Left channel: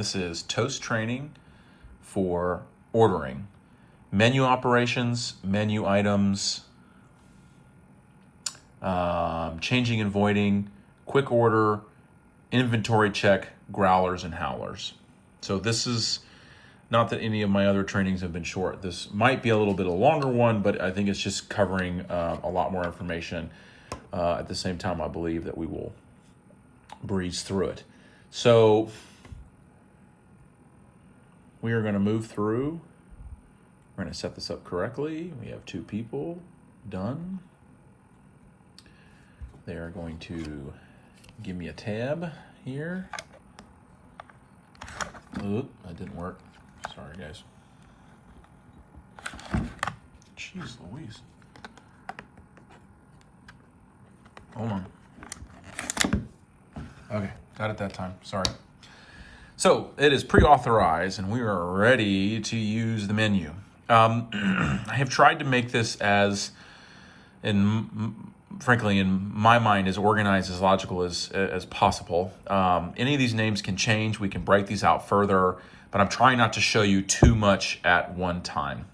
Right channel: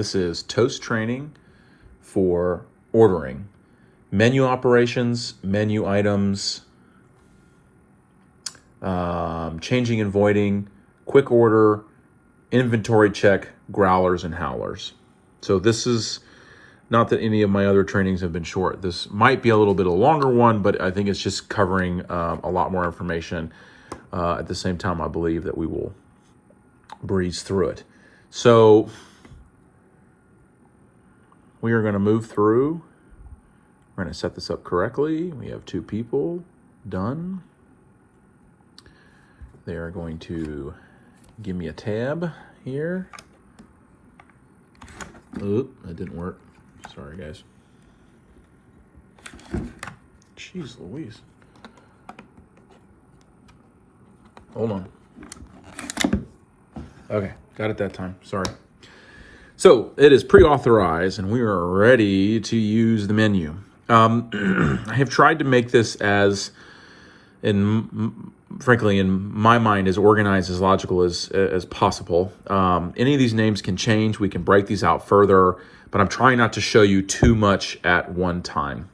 This is toast training for ordering. Menu operations, menu items, changing and voiding, quick order, inventory check, growlers, and howlers. So this is not that any of my other trainings have been short. This might be a little bit of a longer one, but I think it's just covering a lot more information. At the same time, I believe that we will breeze through it. So we are going to move through. We're going to set this up correctly. We have 2 people done. They are going to give me a tab here. Oop, that didn't work. Sorry, guys. Jeez Louise. Hold on. Okay, got it that time. Sorry. So it is pre-authorized and we are ready to use the menu. I have tried to make this frankly, in my mind, as organized, as logical as possible. Any of these names can change. We can break these out further, but I'm trying not to show you too much at one time.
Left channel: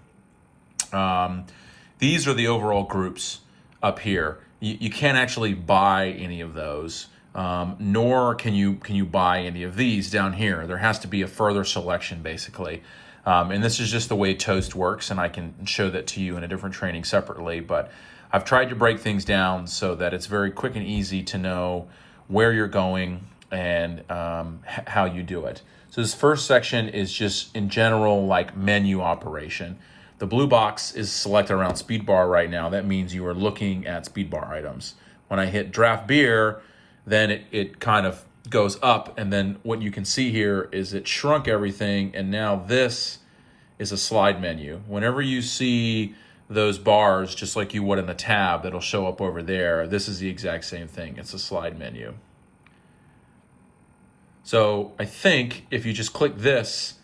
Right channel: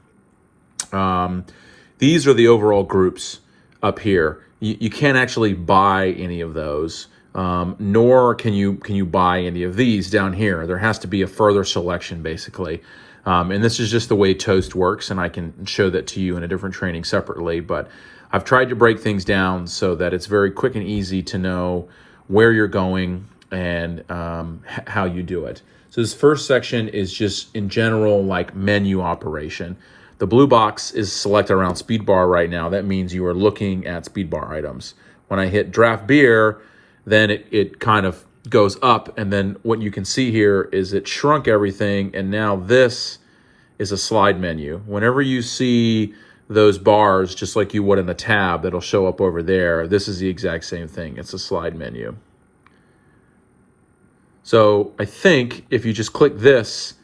These are the overall groups up here. You can't actually buy any of those, nor can you buy any of these down here. There has to be a further selection, basically. And this is just the way Toast works, and I can show that to you in a different training separately, but I've tried to break things down so that it's very quick and easy to know where you're going and how you do it. So this first section is just in general like menu operation. The blue box is selected around speed bar right now. That means you are looking at speed bar items. When I hit draft beer, then it kind of goes up, and then what you can see here is it shrunk everything, and now this is a slide menu. Whenever you see those bars, just like you would in the tab that'll show up over there, this is the exact same thing. It's a slide menu. So I think if you just click this,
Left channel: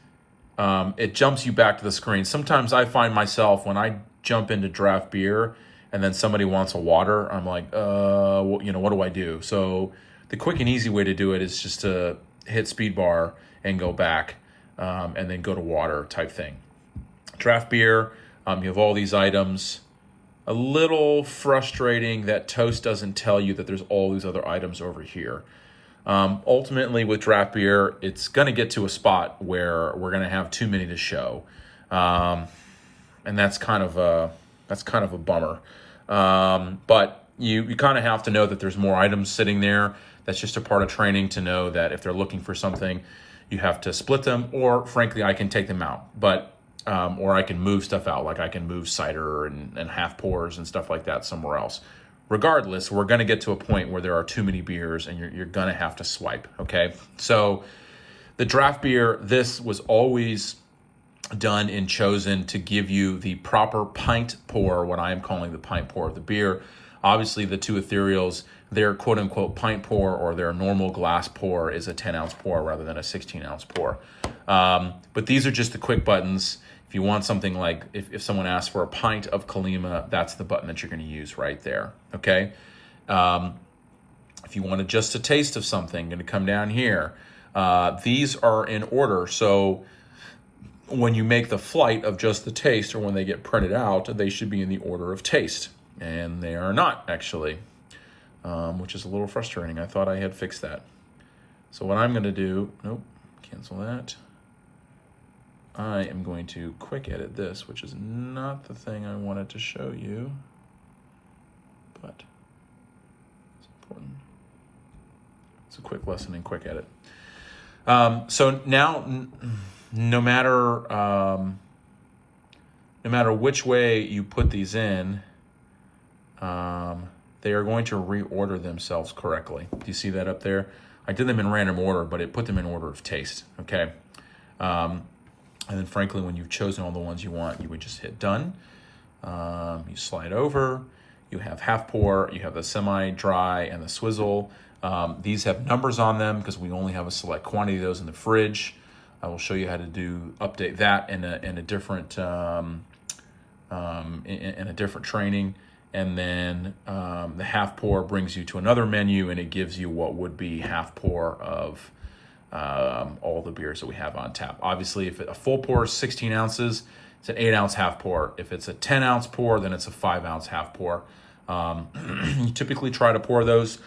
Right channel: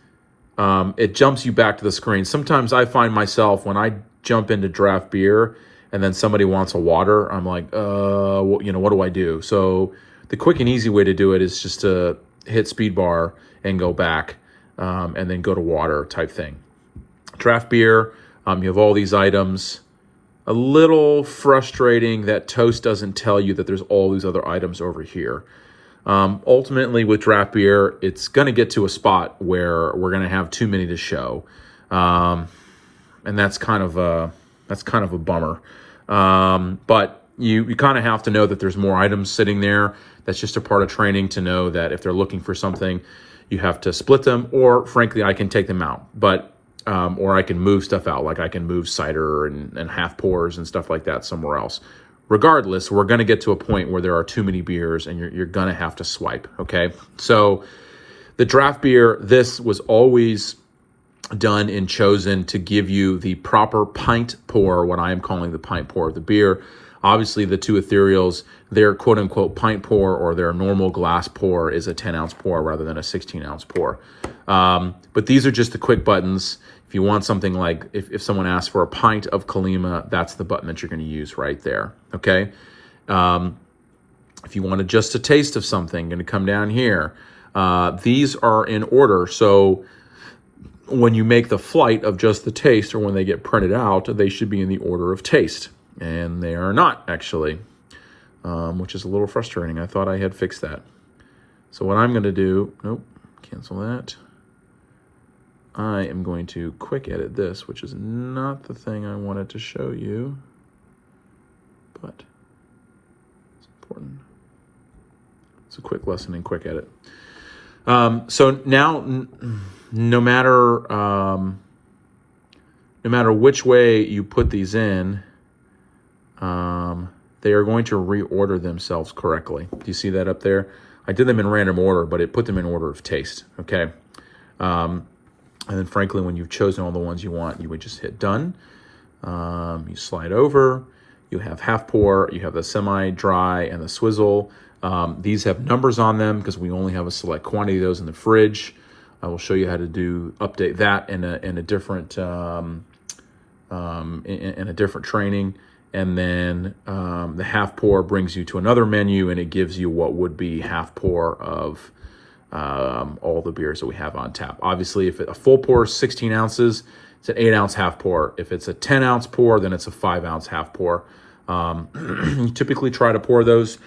it jumps you back to the screen. Sometimes I find myself when I jump into draft beer and then somebody wants a water, I'm like, what do I do? So the quick and easy way to do it is just to hit speed bar and go back and then go to water type thing. Draft beer, you have all these items. A little frustrating that Toast doesn't tell you that there's all these other items over here. Ultimately, with draft beer, it's going to get to a spot where we're going to have too many to show, and that's kind of a bummer. But you kind of have to know that there's more items sitting there. That's just a part of training to know that if they're looking for something, you have to split them, or frankly, I can take them out. But or I can move stuff out, like I can move cider and half pours and stuff like that somewhere else. Regardless, we're going to get to a point where there are too many beers and you're going to have to swipe, okay? So the draft beer, this was always done and chosen to give you the proper pint pour, what I am calling the pint pour of the beer. Obviously, the 2 ethereals, their quote-unquote pint pour or their normal glass pour is a 10-ounce pour rather than a 16-ounce pour. But these are just the quick buttons. If you want something like, if someone asks for a pint of Kalima, that's the button that you're going to use right there, okay? If you want just a taste of something, going to come down here. These are in order, so when you make the flight of just the taste or when they get printed out, they should be in the order of taste, and they are not, actually, which is a little frustrating. I thought I had fixed that. So what I'm going to do, nope, cancel that. I am going to quick edit this, which is not the thing I wanted to show you, but it's important. It's a quick lesson in quick edit. So now, no matter which way you put these in, they are going to reorder themselves correctly. Do you see that up there? I did them in random order, but it put them in order of taste, okay? And then frankly, when you've chosen all the ones you want, you would just hit done. You slide over, you have half pour, you have the semi-dry and the swizzle. These have numbers on them because we only have a select quantity of those in the fridge. I will show you how to update that in a different in a different training. And then the half pour brings you to another menu, and it gives you what would be half pour of all the beers that we have on tap. Obviously, if a full pour is 16 ounces, it's an 8-ounce half pour. If it's a 10-ounce pour, then it's a 5-ounce half pour. You typically try to pour those.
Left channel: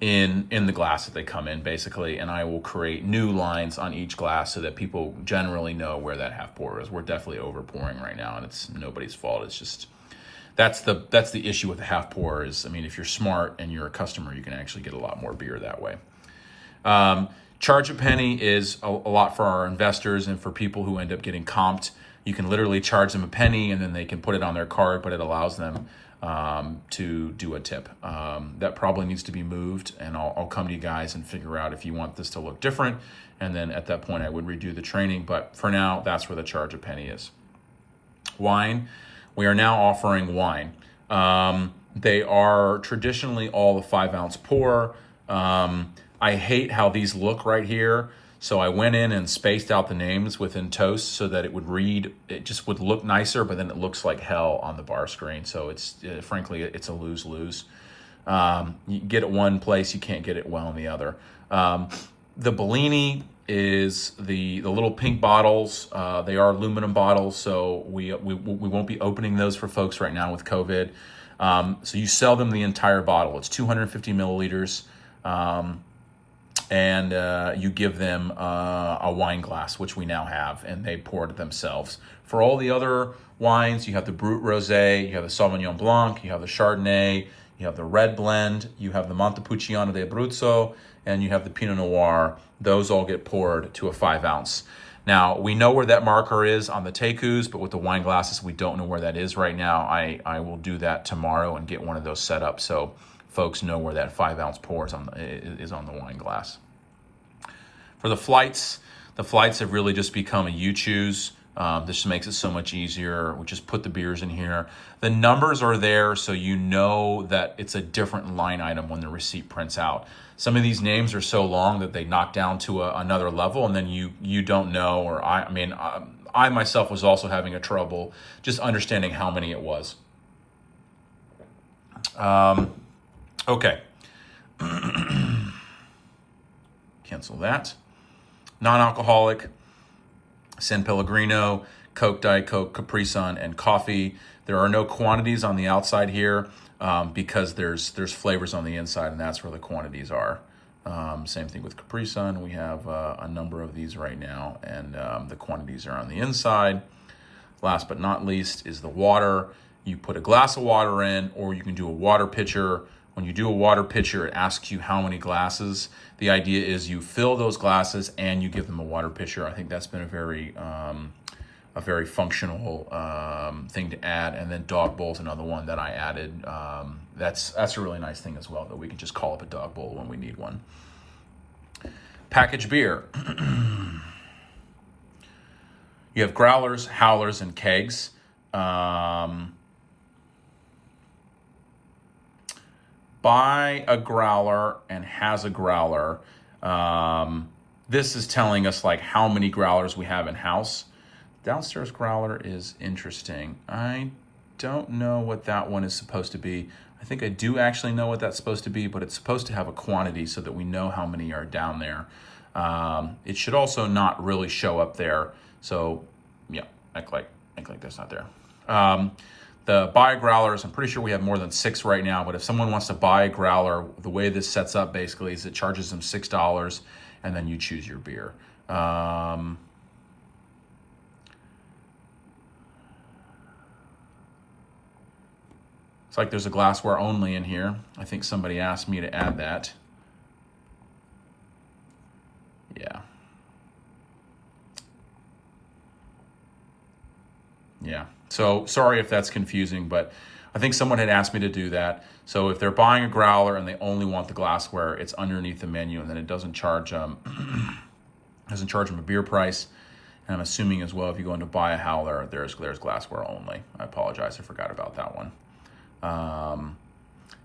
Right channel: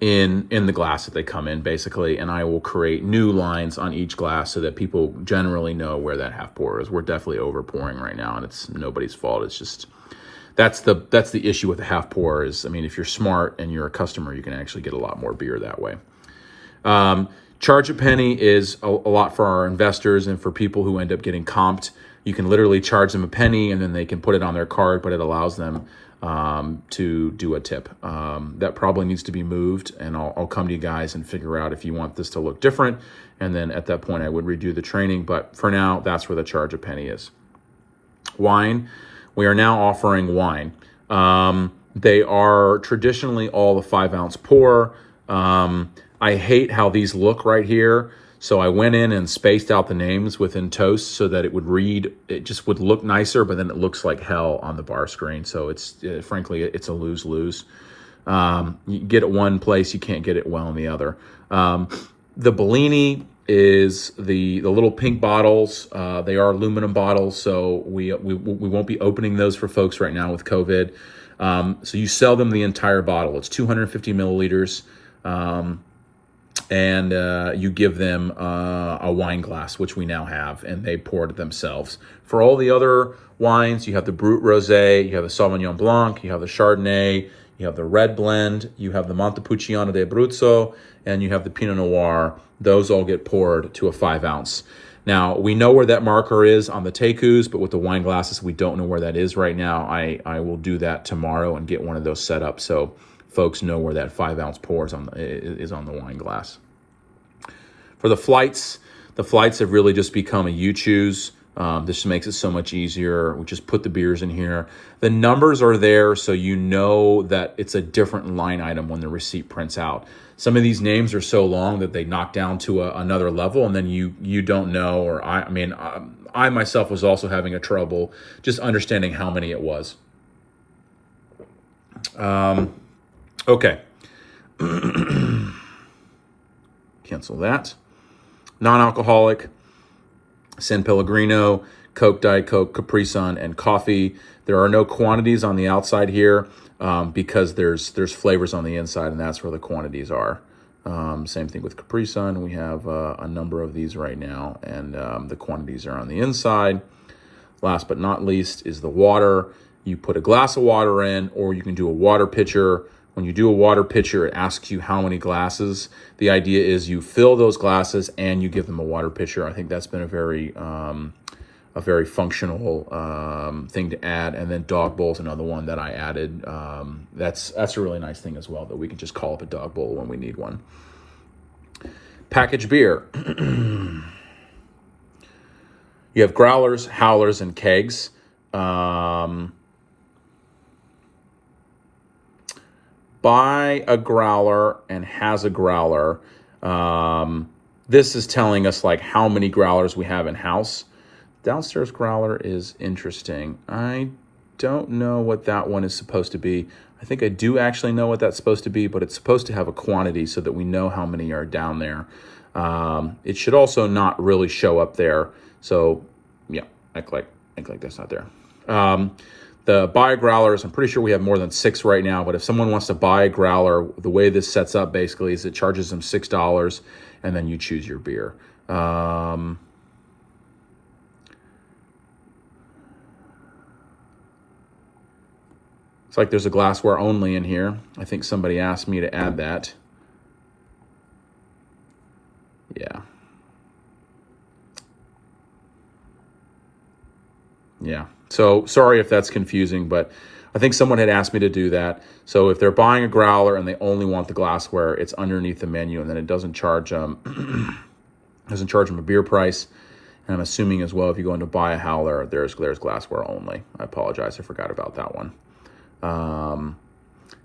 In the glass that they come in, basically, and I will create new lines on each glass so that people generally know where that half pour is. We're definitely over pouring right now, and it's nobody's fault. It's just that's the issue with the half pour is, I mean, if you're smart and you're a customer, you can actually get a lot more beer that way. Charge a penny is a lot for our investors and for people who end up getting comped. You can literally charge them a penny and then they can put it on their card, but it allows them to do a tip. That probably needs to be moved, and I'll come to you guys and figure out if you want this to look different, and then at that point I would redo the training, but for now, that's where the charge a penny is. Wine, we are now offering wine. They are traditionally all a 5-ounce pour. I hate how these look right here. So I went in and spaced out the names within toast so that it just would look nicer, but then it looks like hell on the bar screen. So it's frankly, it's a lose-lose. You get it one place, you can't get it well in the other. The Bellini is the little pink bottles. They are aluminum bottles, so we won't be opening those for folks right now with COVID. So you sell them the entire bottle. It's 250 milliliters. And you give them a wine glass, which we now have, and they pour it themselves. For all the other wines, you have the Brut Rosé, you have the Sauvignon Blanc, you have the Chardonnay, you have the red blend, you have the Montepulciano di Abruzzo, and you have the Pinot Noir. Those all get poured to a 5-ounce. Now, we know where that marker is on the Tekus, but with the wine glasses, we don't know where that is right now. I will do that tomorrow and get one of those set up so folks know where that 5-ounce pour is on the wine glass. For the flights have really just become a you choose. This makes it so much easier. We just put the beers in here. The numbers are there so you know that it's a different line item when the receipt prints out. Some of these names are so long that they knock down to another level, and then you don't know, or I myself was also having a trouble just understanding how many it was. Okay. Cancel that. Non-alcoholic, San Pellegrino, Coke, Diet Coke, Capri Sun, and coffee. There are no quantities on the outside here because there's flavors on the inside, and that's where the quantities are. Same thing with Capri Sun. We have a number of these right now, and the quantities are on the inside. Last but not least is the water. You put a glass of water in, or you can do a water pitcher. When you do a water pitcher, it asks you how many glasses. The idea is you fill those glasses and you give them a water pitcher. I think that's been a very functional thing to add. And then dog bowl is another one that I added. That's a really nice thing as well, that we can just call up a dog bowl when we need one. Packaged beer. You have growlers, howlers, and kegs. Buy a growler and has a growler. This is telling us like how many growlers we have in house. Downstairs growler is interesting. I don't know what that one is supposed to be. I think I do actually know what that's supposed to be, but it's supposed to have a quantity so that we know how many are down there. It should also not really show up there. So yeah, act like that's not there. The buy growlers, I'm pretty sure we have more than 6 right now, but if someone wants to buy a growler, the way this sets up basically is it charges them $6 and then you choose your beer. It's like there's a glassware only in here. I think somebody asked me to add that. Yeah. Yeah. So sorry if that's confusing, but I think someone had asked me to do that. So if they're buying a growler and they only want the glassware, it's underneath the menu, and then it doesn't charge them a beer price. And I'm assuming as well, if you go in to buy a howler, there's glassware only. I apologize, I forgot about that one.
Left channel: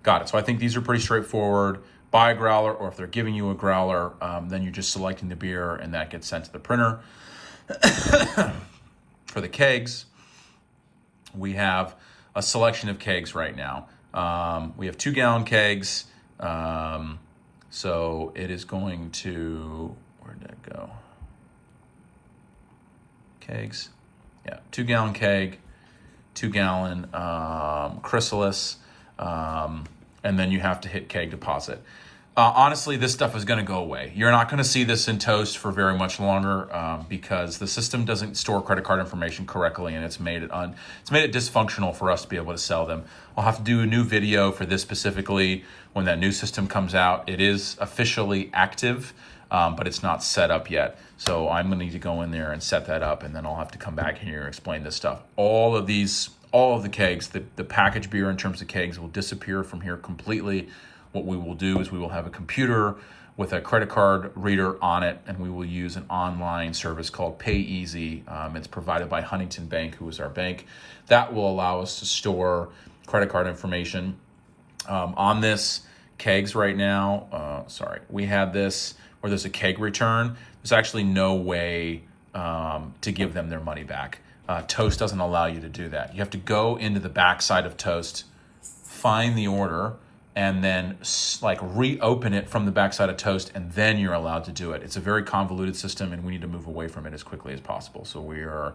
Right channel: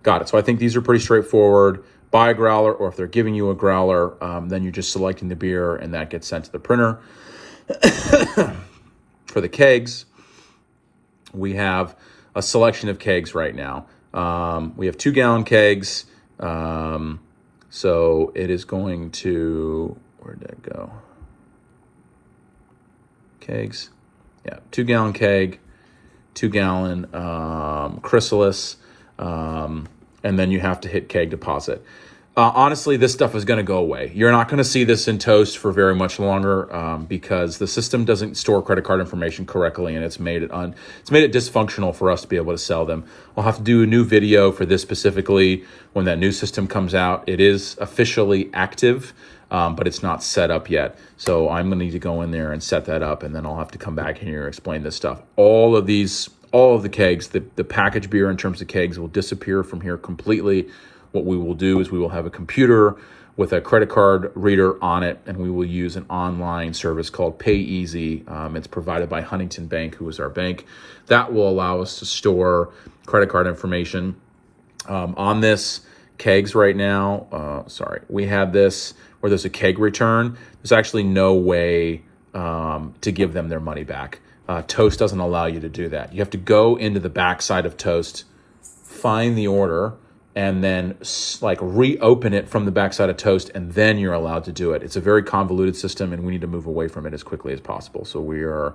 Got it. So I think these are pretty straightforward. Buy a growler, or if they're giving you a growler, then you're just selecting the beer and that gets sent to the printer. For the kegs, we have a selection of kegs right now. We have 2-gallon kegs. So it is going to, where'd that go? Kegs. Yeah, 2-gallon keg, 2-gallon chrysalis, and then you have to hit keg deposit. Honestly, this stuff is going to go away. You're not going to see this in Toast for very much longer because the system doesn't store credit card information correctly, and it's made it dysfunctional for us to be able to sell them. We'll have to do a new video for this specifically when that new system comes out. It is officially active, but it's not set up yet. So I'm going to need to go in there and set that up, and then I'll have to come back here and explain this stuff. All of the kegs, the packaged beer in terms of kegs will disappear from here completely. What we will do is we will have a computer with a credit card reader on it, and we will use an online service called PayEasy. It's provided by Huntington Bank, who is our bank. That will allow us to store credit card information. On this kegs right now, we had this where there's a keg return. There's actually no way to give them their money back. Toast doesn't allow you to do that. You have to go into the backside of Toast, find the order, and then like reopen it from the backside of Toast, and then you're allowed to do it. It's a very convoluted system, and we need to move away from it as quickly as possible. So we are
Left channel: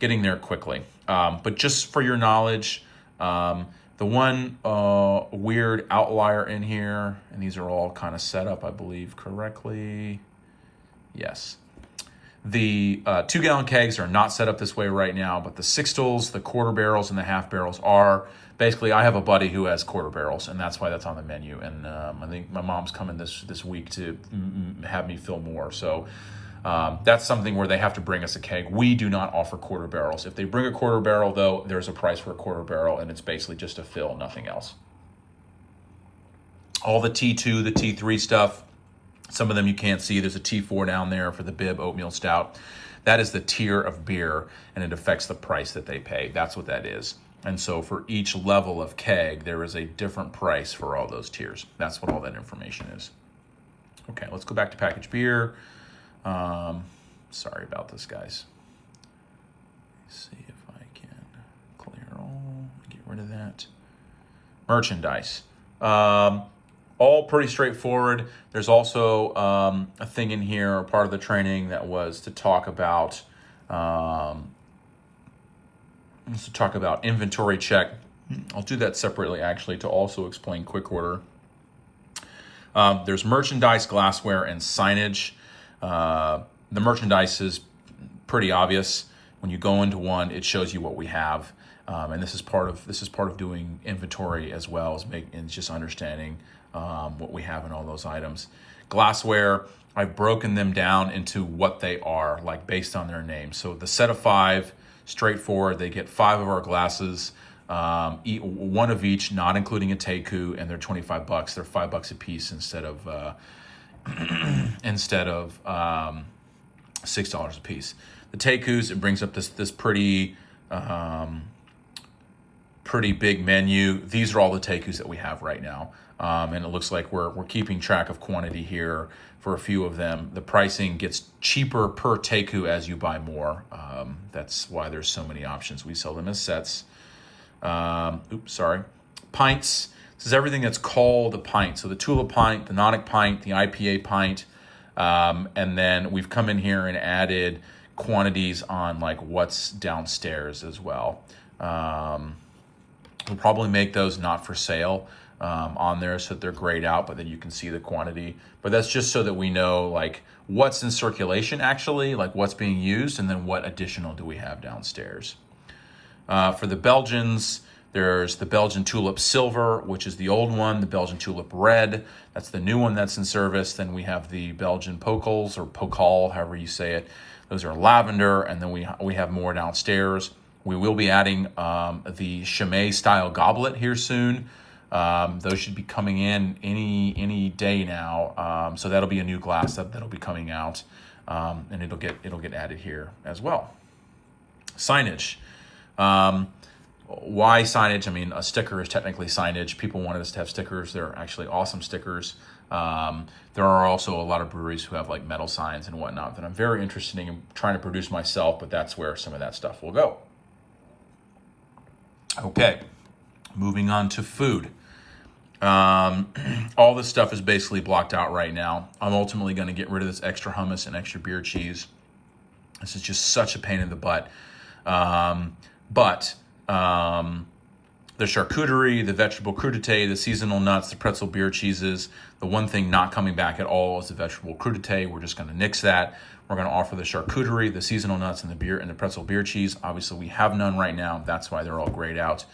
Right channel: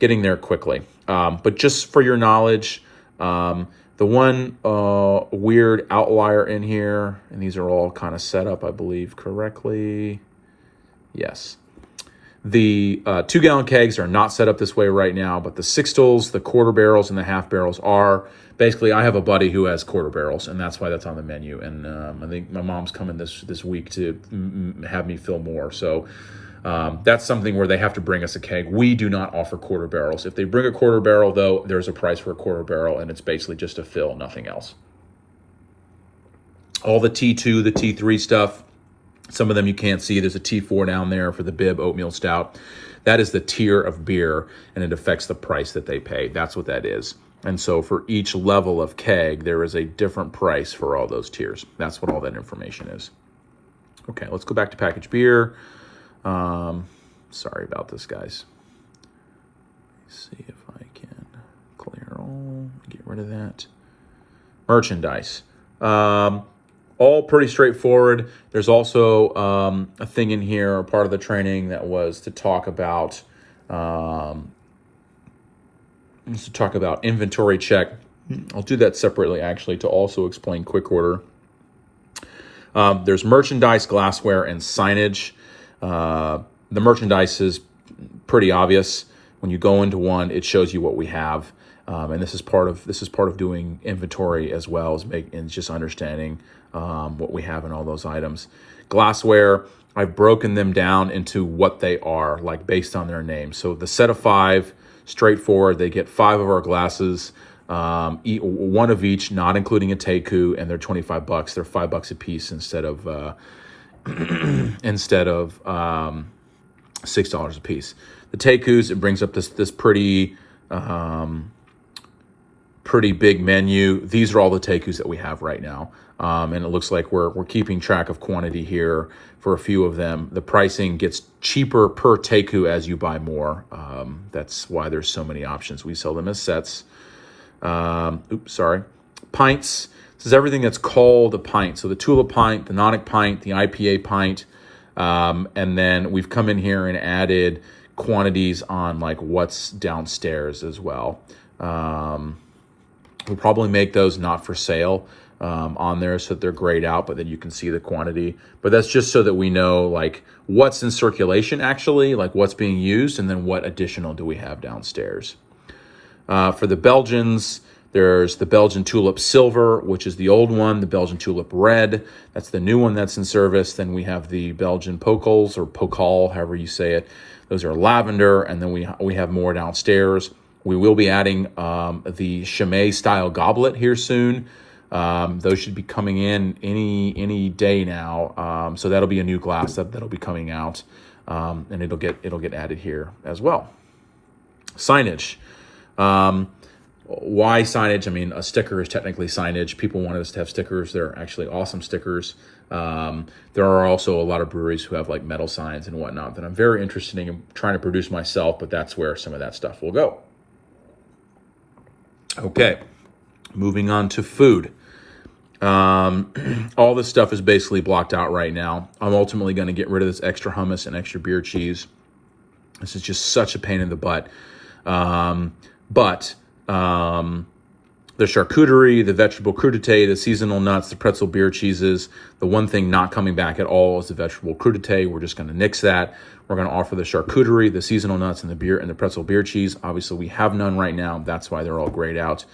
getting there quickly. But just for your knowledge, the one weird outlier in here, and these are all kind of set up, I believe, correctly. Yes. The 2-gallon kegs are not set up this way right now, but the sixtels, the quarter barrels, and the half barrels are. Basically, I have a buddy who has quarter barrels, and that's why that's on the menu. And I think my mom's coming this week to have me fill more. So that's something where they have to bring us a keg. We do not offer quarter barrels. If they bring a quarter barrel, though, there's a price for a quarter barrel, and it's basically just a fill, nothing else. All the T2, the T3 stuff, some of them you can't see. There's a T4 down there for the Bib Oatmeal Stout. That is the tier of beer, and it affects the price that they pay. That's what that is. And so for each level of keg, there is a different price for all those tiers. That's what all that information is. Okay, let's go back to packaged beer. Sorry about this, guys. Let's see if I can clear all, get rid of that. Merchandise. All pretty straightforward. There's also a thing in here, a part of the training that was to talk about inventory check. I'll do that separately, actually, to also explain quick order. There's merchandise, glassware, and signage. The merchandise is pretty obvious. When you go into one, it shows you what we have, and this is part of doing inventory as well as just understanding what we have in all those items. Glassware, I've broken them down into what they are, like based on their name. So the set of 5. Straightforward. They get 5 of our glasses, one of each, not including a teku, and they're $25. They're $5 a piece instead of $6 a piece. The tekus, it brings up this pretty big menu. These are all the tekus that we have right now, and it looks like we're keeping track of quantity here for a few of them. The pricing gets cheaper per teku as you buy more. That's why there's so many options. We sell them as sets. Pints. This is everything that's called a pint. So the Tulip pint, the Nonic pint, the IPA pint. And then we've come in here and added quantities on like what's downstairs as well. We'll probably make those not for sale on there so that they're grayed out, but then you can see the quantity. But that's just so that we know like what's in circulation actually, like what's being used, and then what additional do we have downstairs. For the Belgians, there's the Belgian Tulip Silver, which is the old one, the Belgian Tulip Red. That's the new one that's in service. Then we have the Belgian Pokals or Pokal, however you say it. Those are lavender, and then we have more downstairs. We will be adding the Chimay style goblet here soon. Those should be coming in any day now. So that'll be a new glass that'll be coming out, and it'll get added here as well. Signage. Why signage? I mean, a sticker is technically signage. People wanted us to have stickers. They're actually awesome stickers. There are also a lot of breweries who have like metal signs and whatnot that I'm very interested in trying to produce myself, but that's where some of that stuff will go. Okay, moving on to food. All this stuff is basically blocked out right now. I'm ultimately going to get rid of this extra hummus and extra beer cheese. This is just such a pain in the butt. But the charcuterie, the vegetable crudité, the seasonal nuts, the pretzel beer cheeses. The one thing not coming back at all is the vegetable crudité. We're just going to nix that. We're going to offer the charcuterie, the seasonal nuts, and the beer and the pretzel beer cheese. Obviously, we have none right now. That's why they're all grayed out.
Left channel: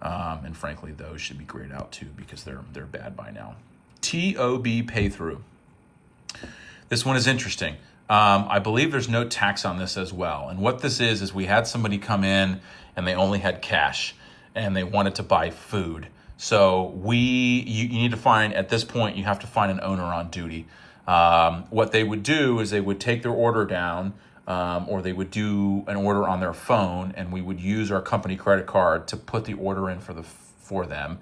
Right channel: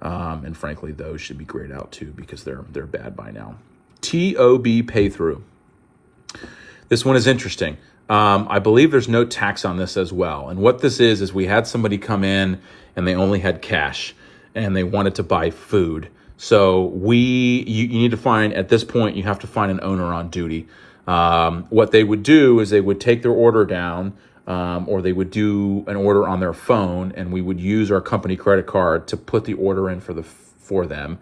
And frankly, those should be grayed out too because they're bad by now. TOB pay through. This one is interesting. I believe there's no tax on this as well. And what this is we had somebody come in and they only had cash and they wanted to buy food. So you need to find, at this point, you have to find an owner on duty. What they would do is they would take their order down, or they would do an order on their phone, and we would use our company credit card to put the order in for them.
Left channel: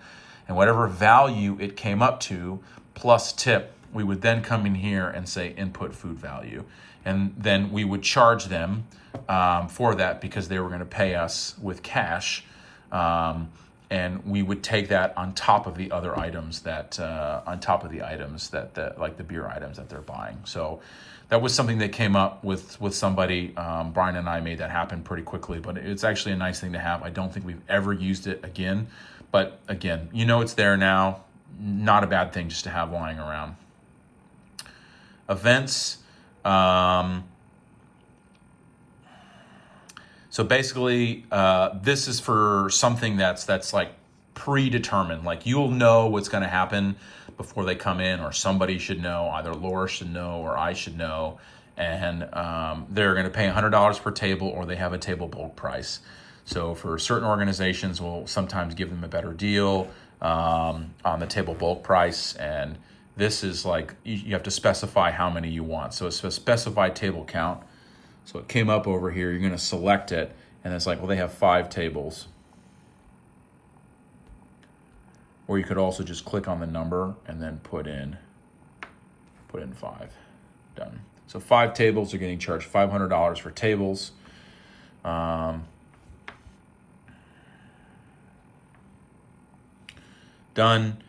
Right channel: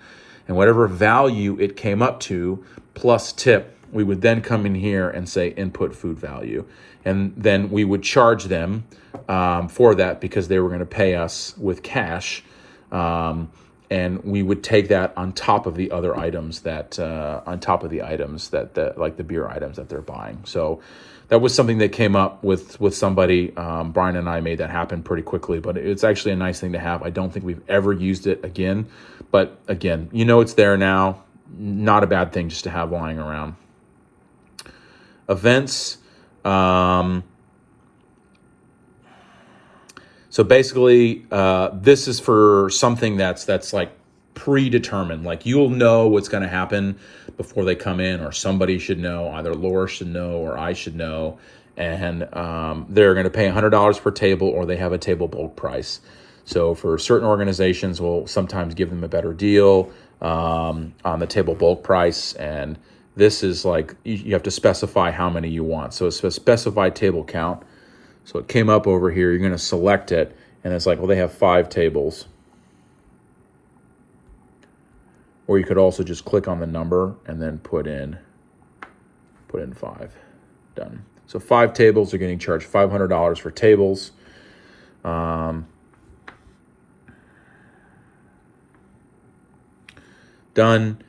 And whatever value it came up to, plus tip, we would then come in here and say input food value. And then we would charge them for that because they were going to pay us with cash. And we would take that on top of the other items that, like the beer items that they're buying. So that was something that came up with somebody. Brian and I made that happen pretty quickly, but it's actually a nice thing to have. I don't think we've ever used it again, but again, it's there now. Not a bad thing just to have lying around. Events. So basically, this is for something that's like predetermined. Like you'll know what's going to happen before they come in, or somebody should know. Either Laura should know or I should know. And they're going to pay $100 per table, or they have a table bulk price. So for certain organizations, we'll sometimes give them a better deal on the table bulk price. And this is like you have to specify how many you want. So it's a specified table count. So it came up over here, you're going to select it, and it's like, well, they have 5 tables. Or you could also just click on the number and then put in 5. Done. So 5 tables are getting charged $500 for tables. Done.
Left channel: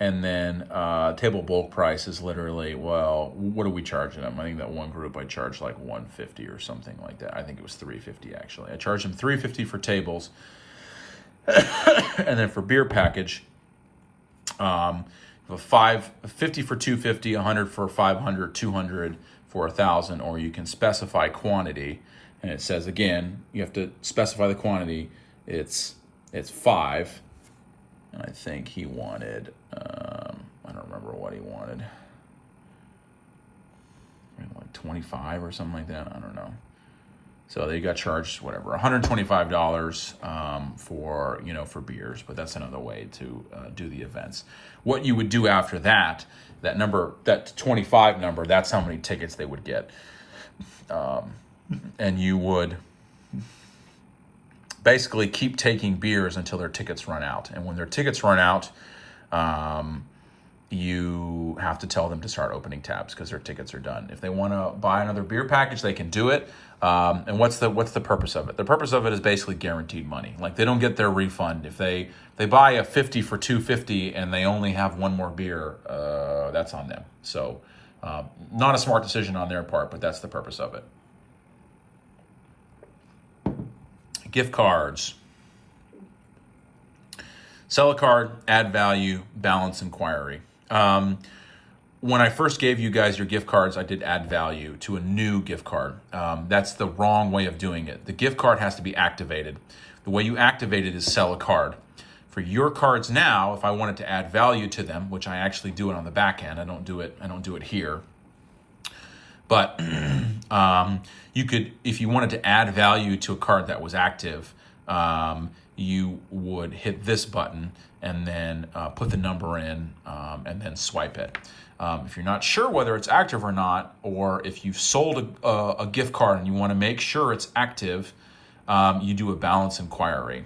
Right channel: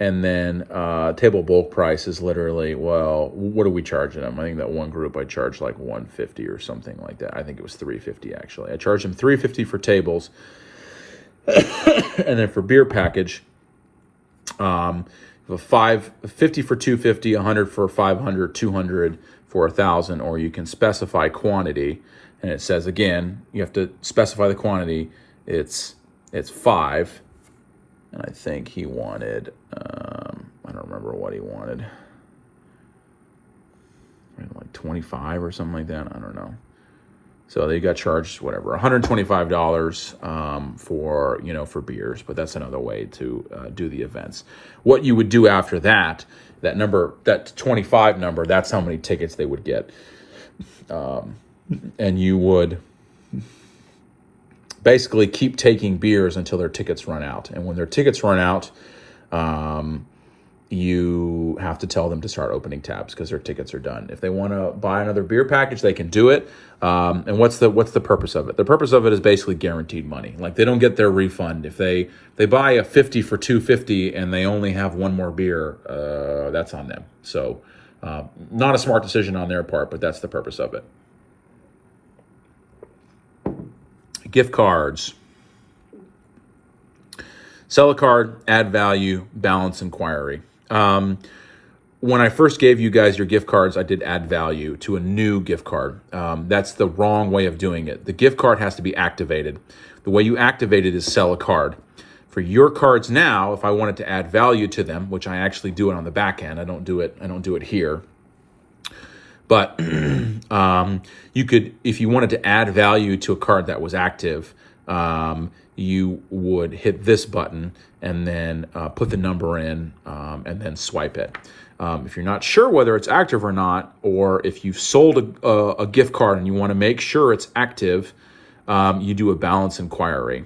And then table bulk price is literally, well, what are we charging them? I think that one group I charged like $150 or something like that. I think it was $350 actually. I charged them $350 for tables. And then for beer package, $50 for $250, $100 for $500, $200 for $1,000, or you can specify quantity. And it says again, you have to specify the quantity. It's 5. And I think he wanted, I don't remember what he wanted. Like 25 or something like that. I don't know. So they got charged, whatever, $125 for beers. But that's another way to do the events. What you would do after that number, that 25 number, that's how many tickets they would get. And you would basically keep taking beers until their tickets run out. And when their tickets run out, you have to tell them to start opening tabs because their tickets are done. If they want to buy another beer package, they can do it. And what's the purpose of it? The purpose of it is basically guaranteed money. Like they don't get their refund. If they buy a 50 for $250 and they only have one more beer, that's on them. So not a smart decision on their part, but that's the purpose of it. Gift cards. Sell a card, add value, balance inquiry. When I first gave you guys your gift cards, I did add value to a new gift card. That's the wrong way of doing it. The gift card has to be activated. The way you activate it is sell a card. For your cards now, if I wanted to add value to them, which I actually do it on the back end, I don't do it here. But you could, if you wanted to add value to a card that was active, you would hit this button and then put the number in and then swipe it. If you're not sure whether it's active or not, or if you've sold a gift card and you want to make sure it's active, you do a balance inquiry.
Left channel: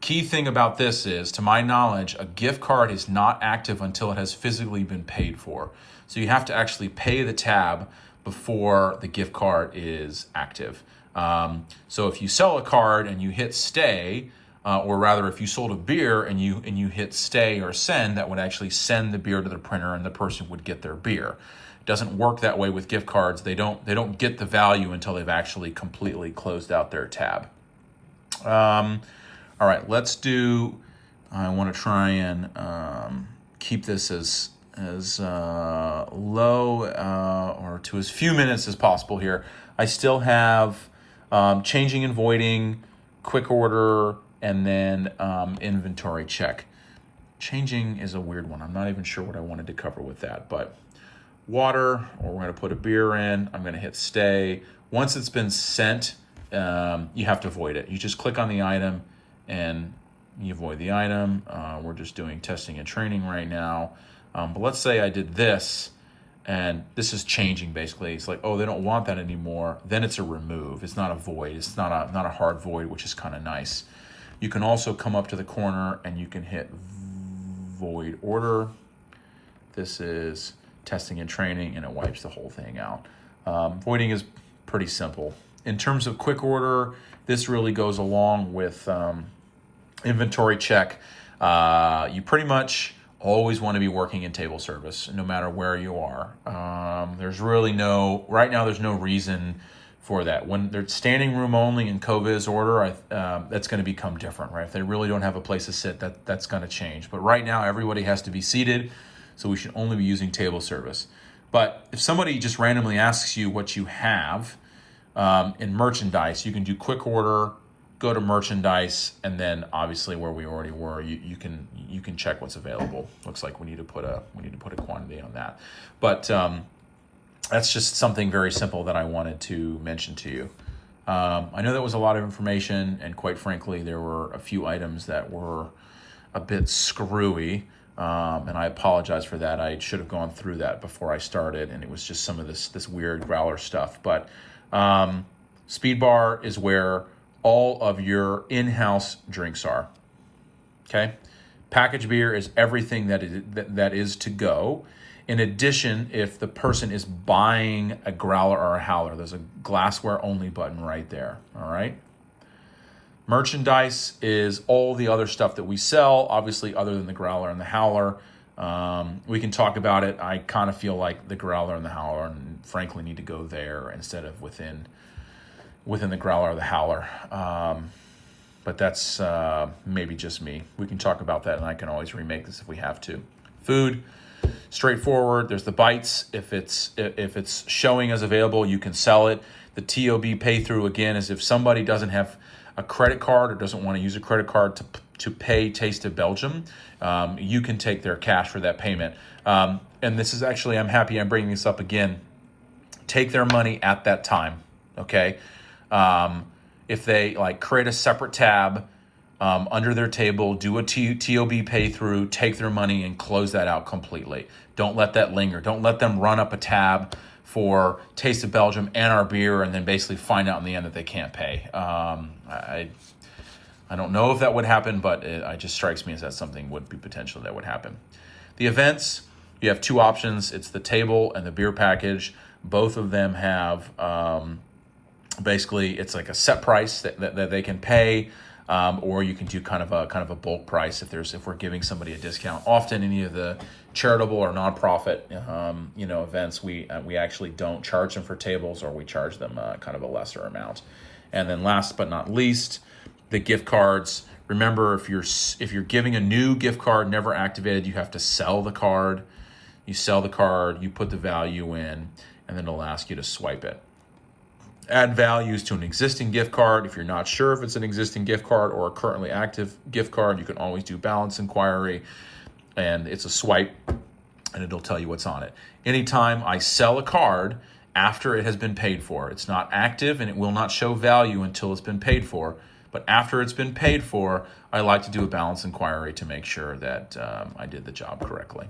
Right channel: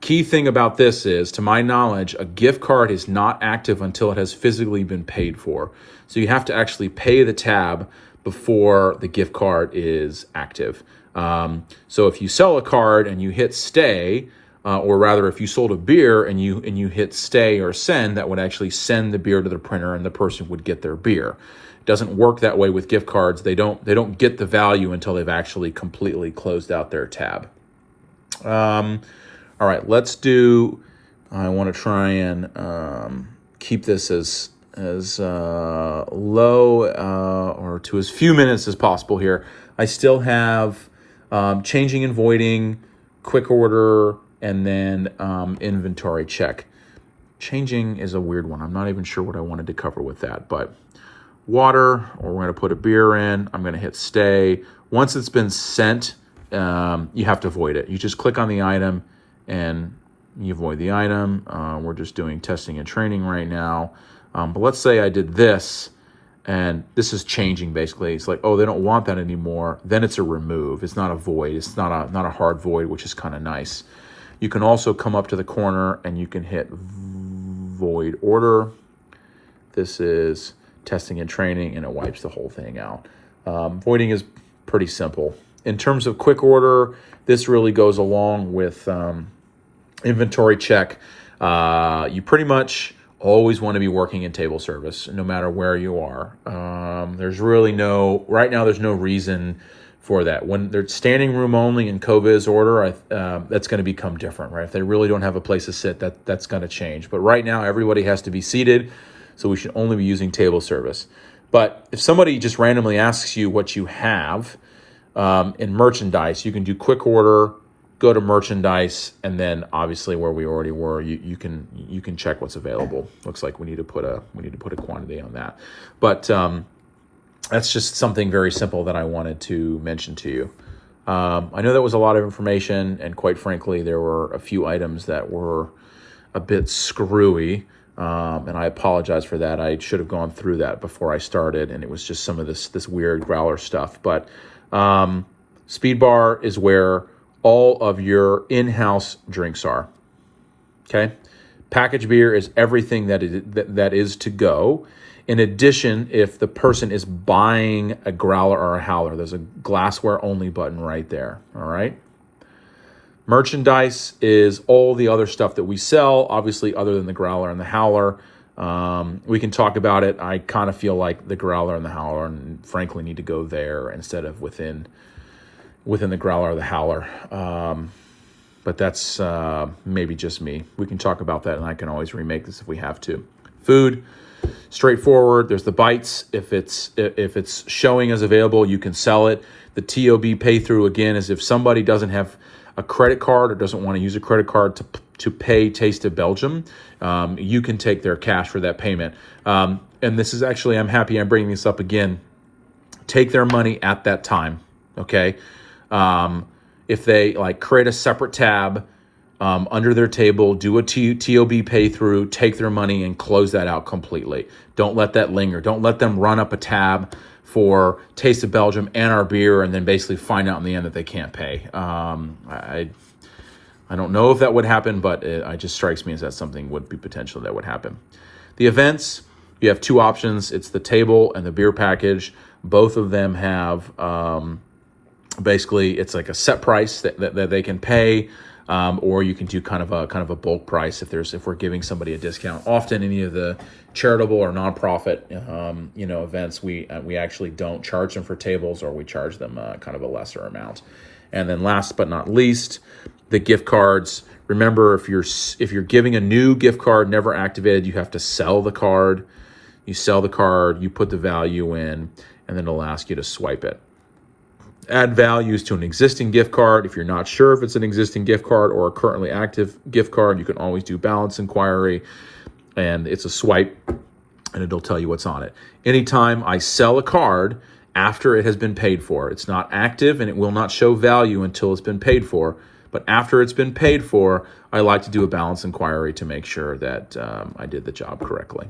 Key thing about this is, to my knowledge, a gift card is not active until it has physically been paid for. So you have to actually pay the tab before the gift card is active. So if you sell a card and you hit stay, or rather, if you sold a beer and you hit stay or send, that would actually send the beer to the printer, and the person would get their beer. It doesn't work that way with gift cards. They don't get the value until they've actually completely closed out their tab. All right, let's do. I want to try and keep this as low or to as few minutes as possible here. I still have changing and voiding, quick order, and then inventory check. Changing is a weird one. I'm not even sure what I wanted to cover with that, but water, or we're going to put a beer in. I'm going to hit stay. Once it's been sent, you have to void it. You just click on the item and you void the item. We're just doing testing and training right now. But let's say I did this, and this is changing basically. It's like, oh, they don't want that anymore. Then it's a remove. It's not a void. It's not a hard void, which is kind of nice. You can also come up to the corner and you can hit void order. This is testing and training, and it wipes the whole thing out. Voiding is pretty simple. In terms of quick order, this really goes along with inventory check. You pretty much always want to be working in table service, no matter where you are. There's really right now there's no reason for that. When they're standing room only in COVIZ order, that's going to become different, right? If they really don't have a place to sit, that's going to change. But right now, everybody has to be seated, so we should only be using table service. But if somebody just randomly asks you what you have in merchandise, you can do quick order, go to merchandise, and then obviously where we already were, you can check what's available. Looks like we need to put a quantity on that. But that's just something very simple that I wanted to mention to you. I know that was a lot of information, and quite frankly, there were a few items that were a bit screwy, and I apologize for that. I should have gone through that before I started, and it was just some of this weird growler stuff. But Speed Bar is where all of your in-house drinks are. Okay, packaged beer is everything that is to go. In addition, if the person is buying a growler or a howler, there's a glassware only button right there. All right. Merchandise is all the other stuff that we sell, obviously, other than the growler and the howler. We can talk about it. I kind of feel like the growler and the howler, and frankly, need to go there instead of within the growler or the howler. But that's maybe just me. We can talk about that, and I can always remake this if we have to. Food, straightforward. There's the bites. If it's showing as available, you can sell it. The TOB pay through, again, is if somebody doesn't have a credit card or doesn't want to use a credit card to pay Taste of Belgium, you can take their cash for that payment. And this is actually, I'm happy I'm bringing this up again. Take their money at that time, okay? If they create a separate tab under their table, do a TOB pay through, take their money and close that out completely. Don't let that linger. Don't let them run up a tab for Taste of Belgium and our beer and then basically find out in the end that they can't pay. I don't know if that would happen, but it just strikes me as that something would be potential that would happen. The events, you have two options. It's the table and the beer package. Both of them have basically it's like a set price that they can pay, or you can do kind of a bulk price if we're giving somebody a discount. Often any of the charitable or nonprofit events, we actually don't charge them for tables, or we charge them kind of a lesser amount. And then last but not least, the gift cards. Remember, if you're giving a new gift card never activated, you have to sell the card. You sell the card, you put the value in, and then it'll ask you to swipe it. Add values to an existing gift card. If you're not sure if it's an existing gift card or a currently active gift card, you can always do balance inquiry, and it's a swipe, and it'll tell you what's on it. Anytime I sell a card after it has been paid for, it's not active and it will not show value until it's been paid for. But after it's been paid for, I like to do a balance inquiry to make sure that I did the job correctly.